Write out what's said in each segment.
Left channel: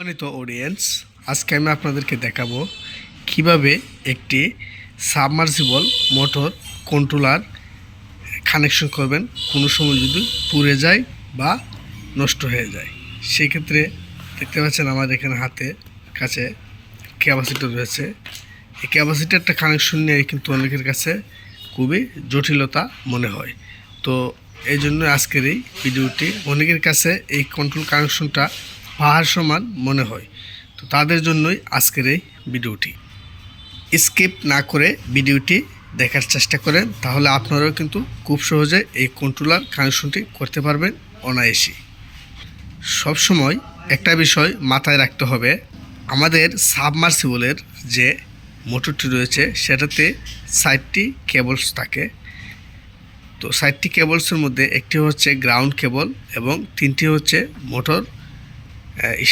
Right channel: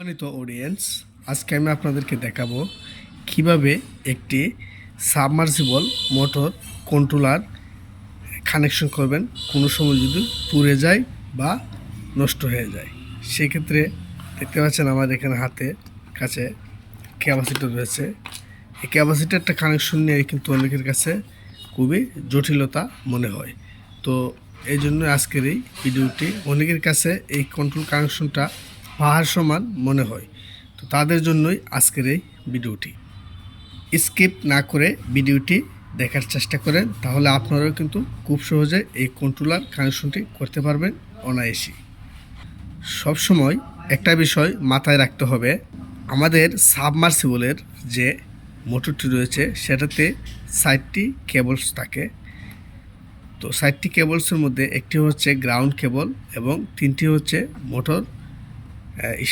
সম্মানিত অডিয়েন্স আজকে আমি আপনাদেরকে দেখাবো কীভাবে একটি সাবমার্সিবল মোটর কন্ট্রোলার কানেকশন করবেন। কোনো সময় যদি পুড়ে যায় বা নষ্ট হয়ে যায়। সেক্ষেত্রে দেখতে পাচ্ছেন আমাদের এখানে হাতে কাছে ক্যাপাসিটার রয়েছে। এই ক্যাপাসিটারটা কানেকশন নিয়ে কিন্তু অনেকের কাছে খুবই জটিলতা মনে হয়। তো এই জন্য আজকের এই ভিডিওটি অনেকের কাছে এই কন্ট্রোল কানেকশনটা পাহাড় সমান মনে হয়। তো তাদের জন্যই আজকের এই ভিডিওটি। স্কিপ না করে ভিডিওটি দেখার চেষ্টা করেন, তাহলে আপনারাও কিন্তু খুব সহজে এই কন্ট্রোলার কানেকশনটি করতে পারবেন অনায়াসী সবসময় একটা বিষয় মাথায় রাখতে হবে, আমাদের সাবমার্সিবলের যে মোটরটি রয়েছে, সেটাতে সাইডটি কেবলস থাকে। তো সাইডটি কেবলসের মধ্যে একটি হচ্ছে গ্রাউন্ড কেবল এবং তিনটি হচ্ছে মোটর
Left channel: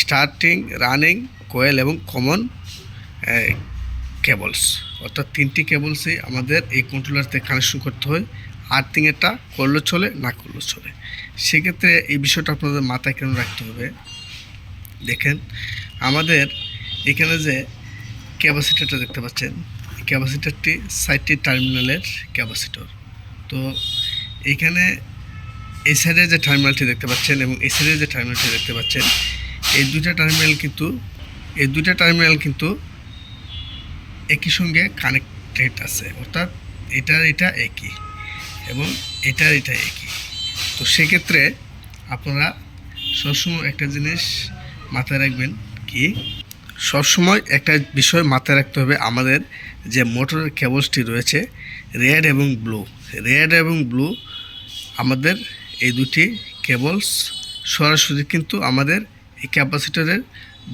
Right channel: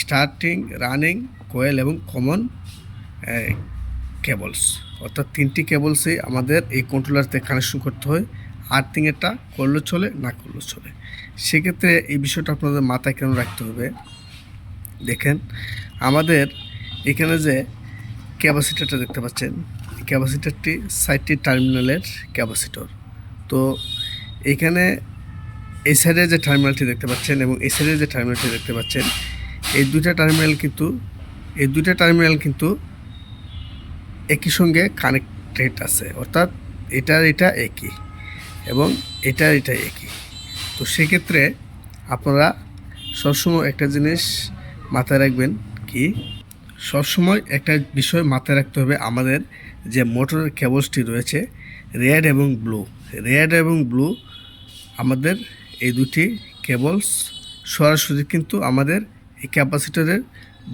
স্টার্টিং রানিং কোয়েল এবং কমন কেবলস অর্থাৎ তিনটি কেবলসই আমাদের এই কন্ট্রোলারতে কানেকশন করতে হয়। আর্থিংয়েরটা করলে চলে, না করলে চলে। সেক্ষেত্রে এই বিষয়টা আপনাদের মাথায় কেন রাখতে হবে? দেখেন, আমাদের এখানে যে ক্যাপাসিটারটা দেখতে পাচ্ছেন ক্যাপাসিটারটি সাইডটি টার্মিনালের ক্যাপাসিটর তো এখানে এই সাইডে যে টার্মিনালটি দেখতে পাচ্ছেন এবং এই সাইডে যে টার্মিনালটি দেখতে পাচ্ছেন এই দুইটা টার্মিনাল কিন্তু, এই দুইটা টার্মিনাল কিন্তু একই সঙ্গে কানেক্টেড আছে। অর্থাৎ এটার এটা একই এবং এটার এটা একই। তো সেক্ষেত্রে আপনারা সবসময় একটা জিনিস মাথায় রাখবেন কি, সবসময় একটা বিষয় মাথায় রাখতে হবে আমাদের যে মোটরের কেবলসটি রয়েছে রেড এবং ব্লু রেড এবং ব্লু আমাদের এই দুটি কেবলস সরাসরি কিন্তু আমাদের এই ক্যাপাসিটরের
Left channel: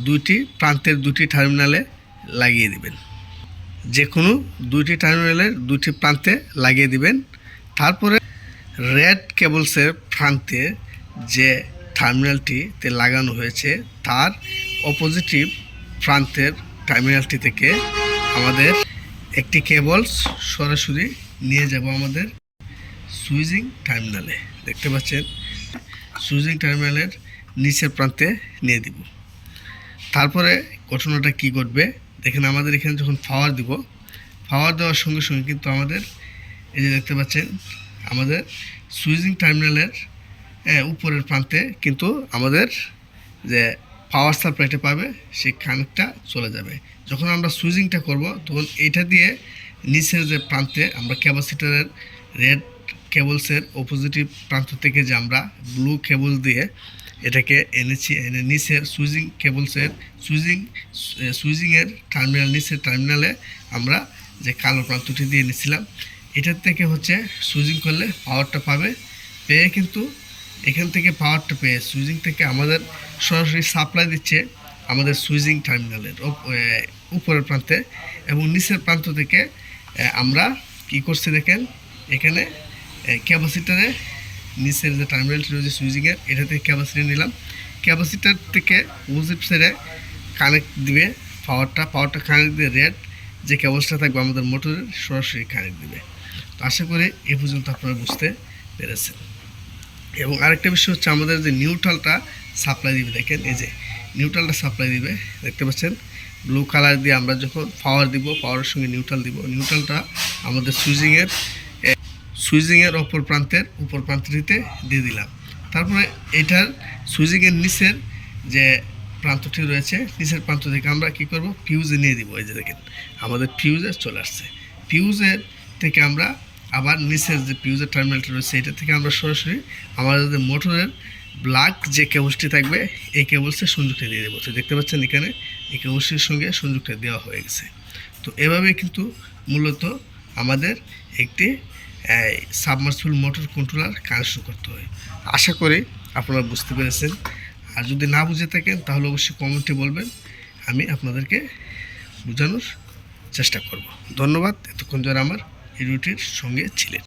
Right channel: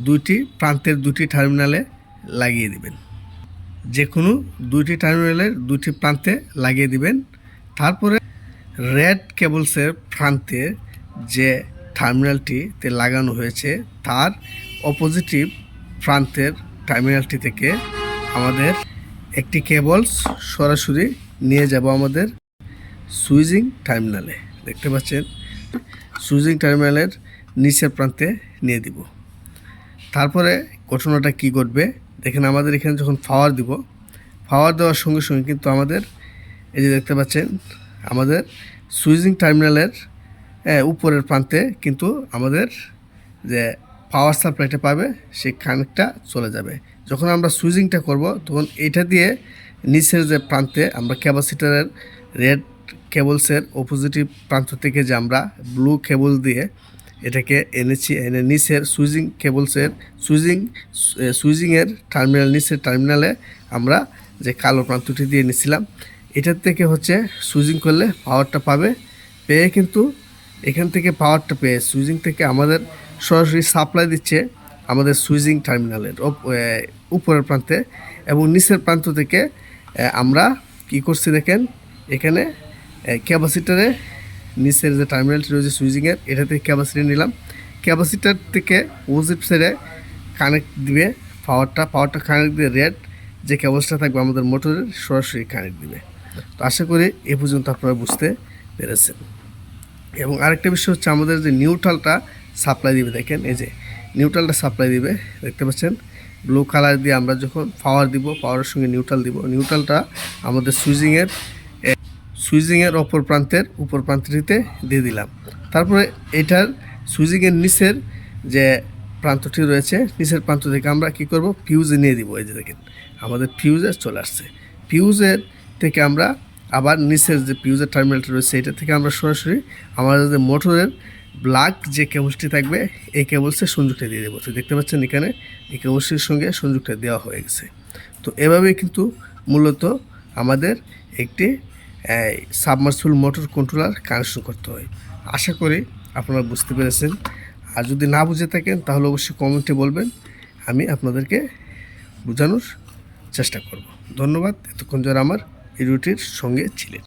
দুইটি, প্রান্তের দুটি টার্মিনালে লাগিয়ে দিবেন। যে কোনো দুইটি টার্মিনালের দুটি প্রান্তে লাগিয়ে দিবেন। তারপরে রেড কেবলসের প্রান্তে যে টার্মিনালটিতে লাগানো হয়েছে, তার অপোজিটিভ প্রান্তের টার্মিনালটি থেকে আমাদের একটি কেবলস সরাসরি নিয়ে যাব আমাদের সুইজিং টার্মিনালে। দেখতে পাচ্ছেন, সুইজিং টার্মিনালের নিচের প্রান্তে নিয়ে দিব। তারপরে ঘটনাটা কি ঘটবে, দেখেন আমাদের এখানে যখন পাওয়ার দিব পাওয়ার দেওয়ার সঙ্গে সঙ্গে কিন্তু আমাদের, এই যে দেখতে পাচ্ছেন, আমাদের সুইজিং টার্মিনালের উপরের প্রান্তে কিন্তু আমাদের যে পাওয়ার সাপ্লাইটা পাবে সেই কানেক্টটা চলে যাবে। যখন আমরা সুইজিংটা করব, তখন এটা দিয়ে নিচের যে প্রান্তে আমরা ক্যাপাসিটারের রেড কেবলসের অপোজিটিভ প্রান্ত থেকে যে আমরা ব্লু কেবল দিয়ে এটাকে এনেছি এনে নিচের সুইজিং কেবলসের সুইজিং সুইজিংয়ের টার্মিনাল, নিচের টার্মিনালে আমরা যে কালো প্রান্তটি দিয়ে নিছিলাম এটার থেকে হচ্ছে সুইজিং করলে পাওয়ারটা পাবে। পেয়ে কিন্তু এখান থেকে পাওয়ারটা পেয়ে সুইজিং থেকে আমাদের সরাসরি সাপ্লাই দিচ্ছে আমাদের সুইজিং টার্মিনালের উপরের প্রান্তে এবং নিচের প্রান্ত থেকে আমরা কি করছি দেখেন, এখানে ক্যাপাসিটারে নিচের যে টার্মিনালটি রয়েছে সুইজিংয়ের এটা থেকে ক্যাপাসিটি নিলাম। ক্যাপাসিটার থেকে ওজিপ সাইডে কানেক্ট দিবে পাওয়ারটা পাওয়ারটা কানেক্ট দিয়ে রেড যে কেবলসটা থাকবে আমাদের মোটরের সরাসরি কানেক্ট দিবে। তো আশা করি এ পর্যন্ত আপনারা বুঝতে পেরেছেন। এবং আরেকটা বিষয় হচ্ছে আমাদের যে নিউট্রালটা সাপ্লাই দিবে, দেখেন এই যে নিউট্রালটা সাপ্লাই দিবে, দেখতে পাচ্ছেন? ব্লু কালার দিয়ে আমরা যখন পাওয়ার দিব পাওয়ারের সঙ্গে নিউট্রাল দিব। নিউট্রালটা আমাদের সুইজিংয়ের সুইজিংয়ের অপর প্রান্তের উপর প্রান্তটিতে দিয়ে দিলাম। তারপরে এটার সুইজিংয়ের নিচের যে প্রান্তটি রয়েছে, নিচের প্রান্ত থেকে আমরা কি করব? ফিউজে নিয়ে দিব। এই যে দেখেন, আমাদের ফিউজে চলে আসছে। ফিউজের থেকে আমরা আবার নিচের যে ফিউজের টার্মিনালটা রয়েছে, এটা থেকে আমরা সরাসরি আমাদের যে মোটরের ব্ল্যাক যে কেবলসটি থাকবে, এই কেবলসের সংযোগটা দিয়ে দেবো। তো দেখতে পাচ্ছেন এখানে, এই কেবলসটির সঙ্গে সংযোগটা দেওয়া হয়ে গেছে। তো এভাবেই কিন্তু মূলত আমাদের একটি সাবমার্সিবল মোটর কন্ট্রোলার কানেকশন করতে হয়। আশা করি আপনারা বুঝতে পেরেছেন। আর যদি না বুঝে থাকেন, তাহলে অবশ্যই কমেন্টে বলবেন। আমি আপনাদেরকে বোঝানোর চেষ্টা করব। ধন্যবাদ। এতক্ষণ যারা আমার এই রুটির সঙ্গে ছিলেন।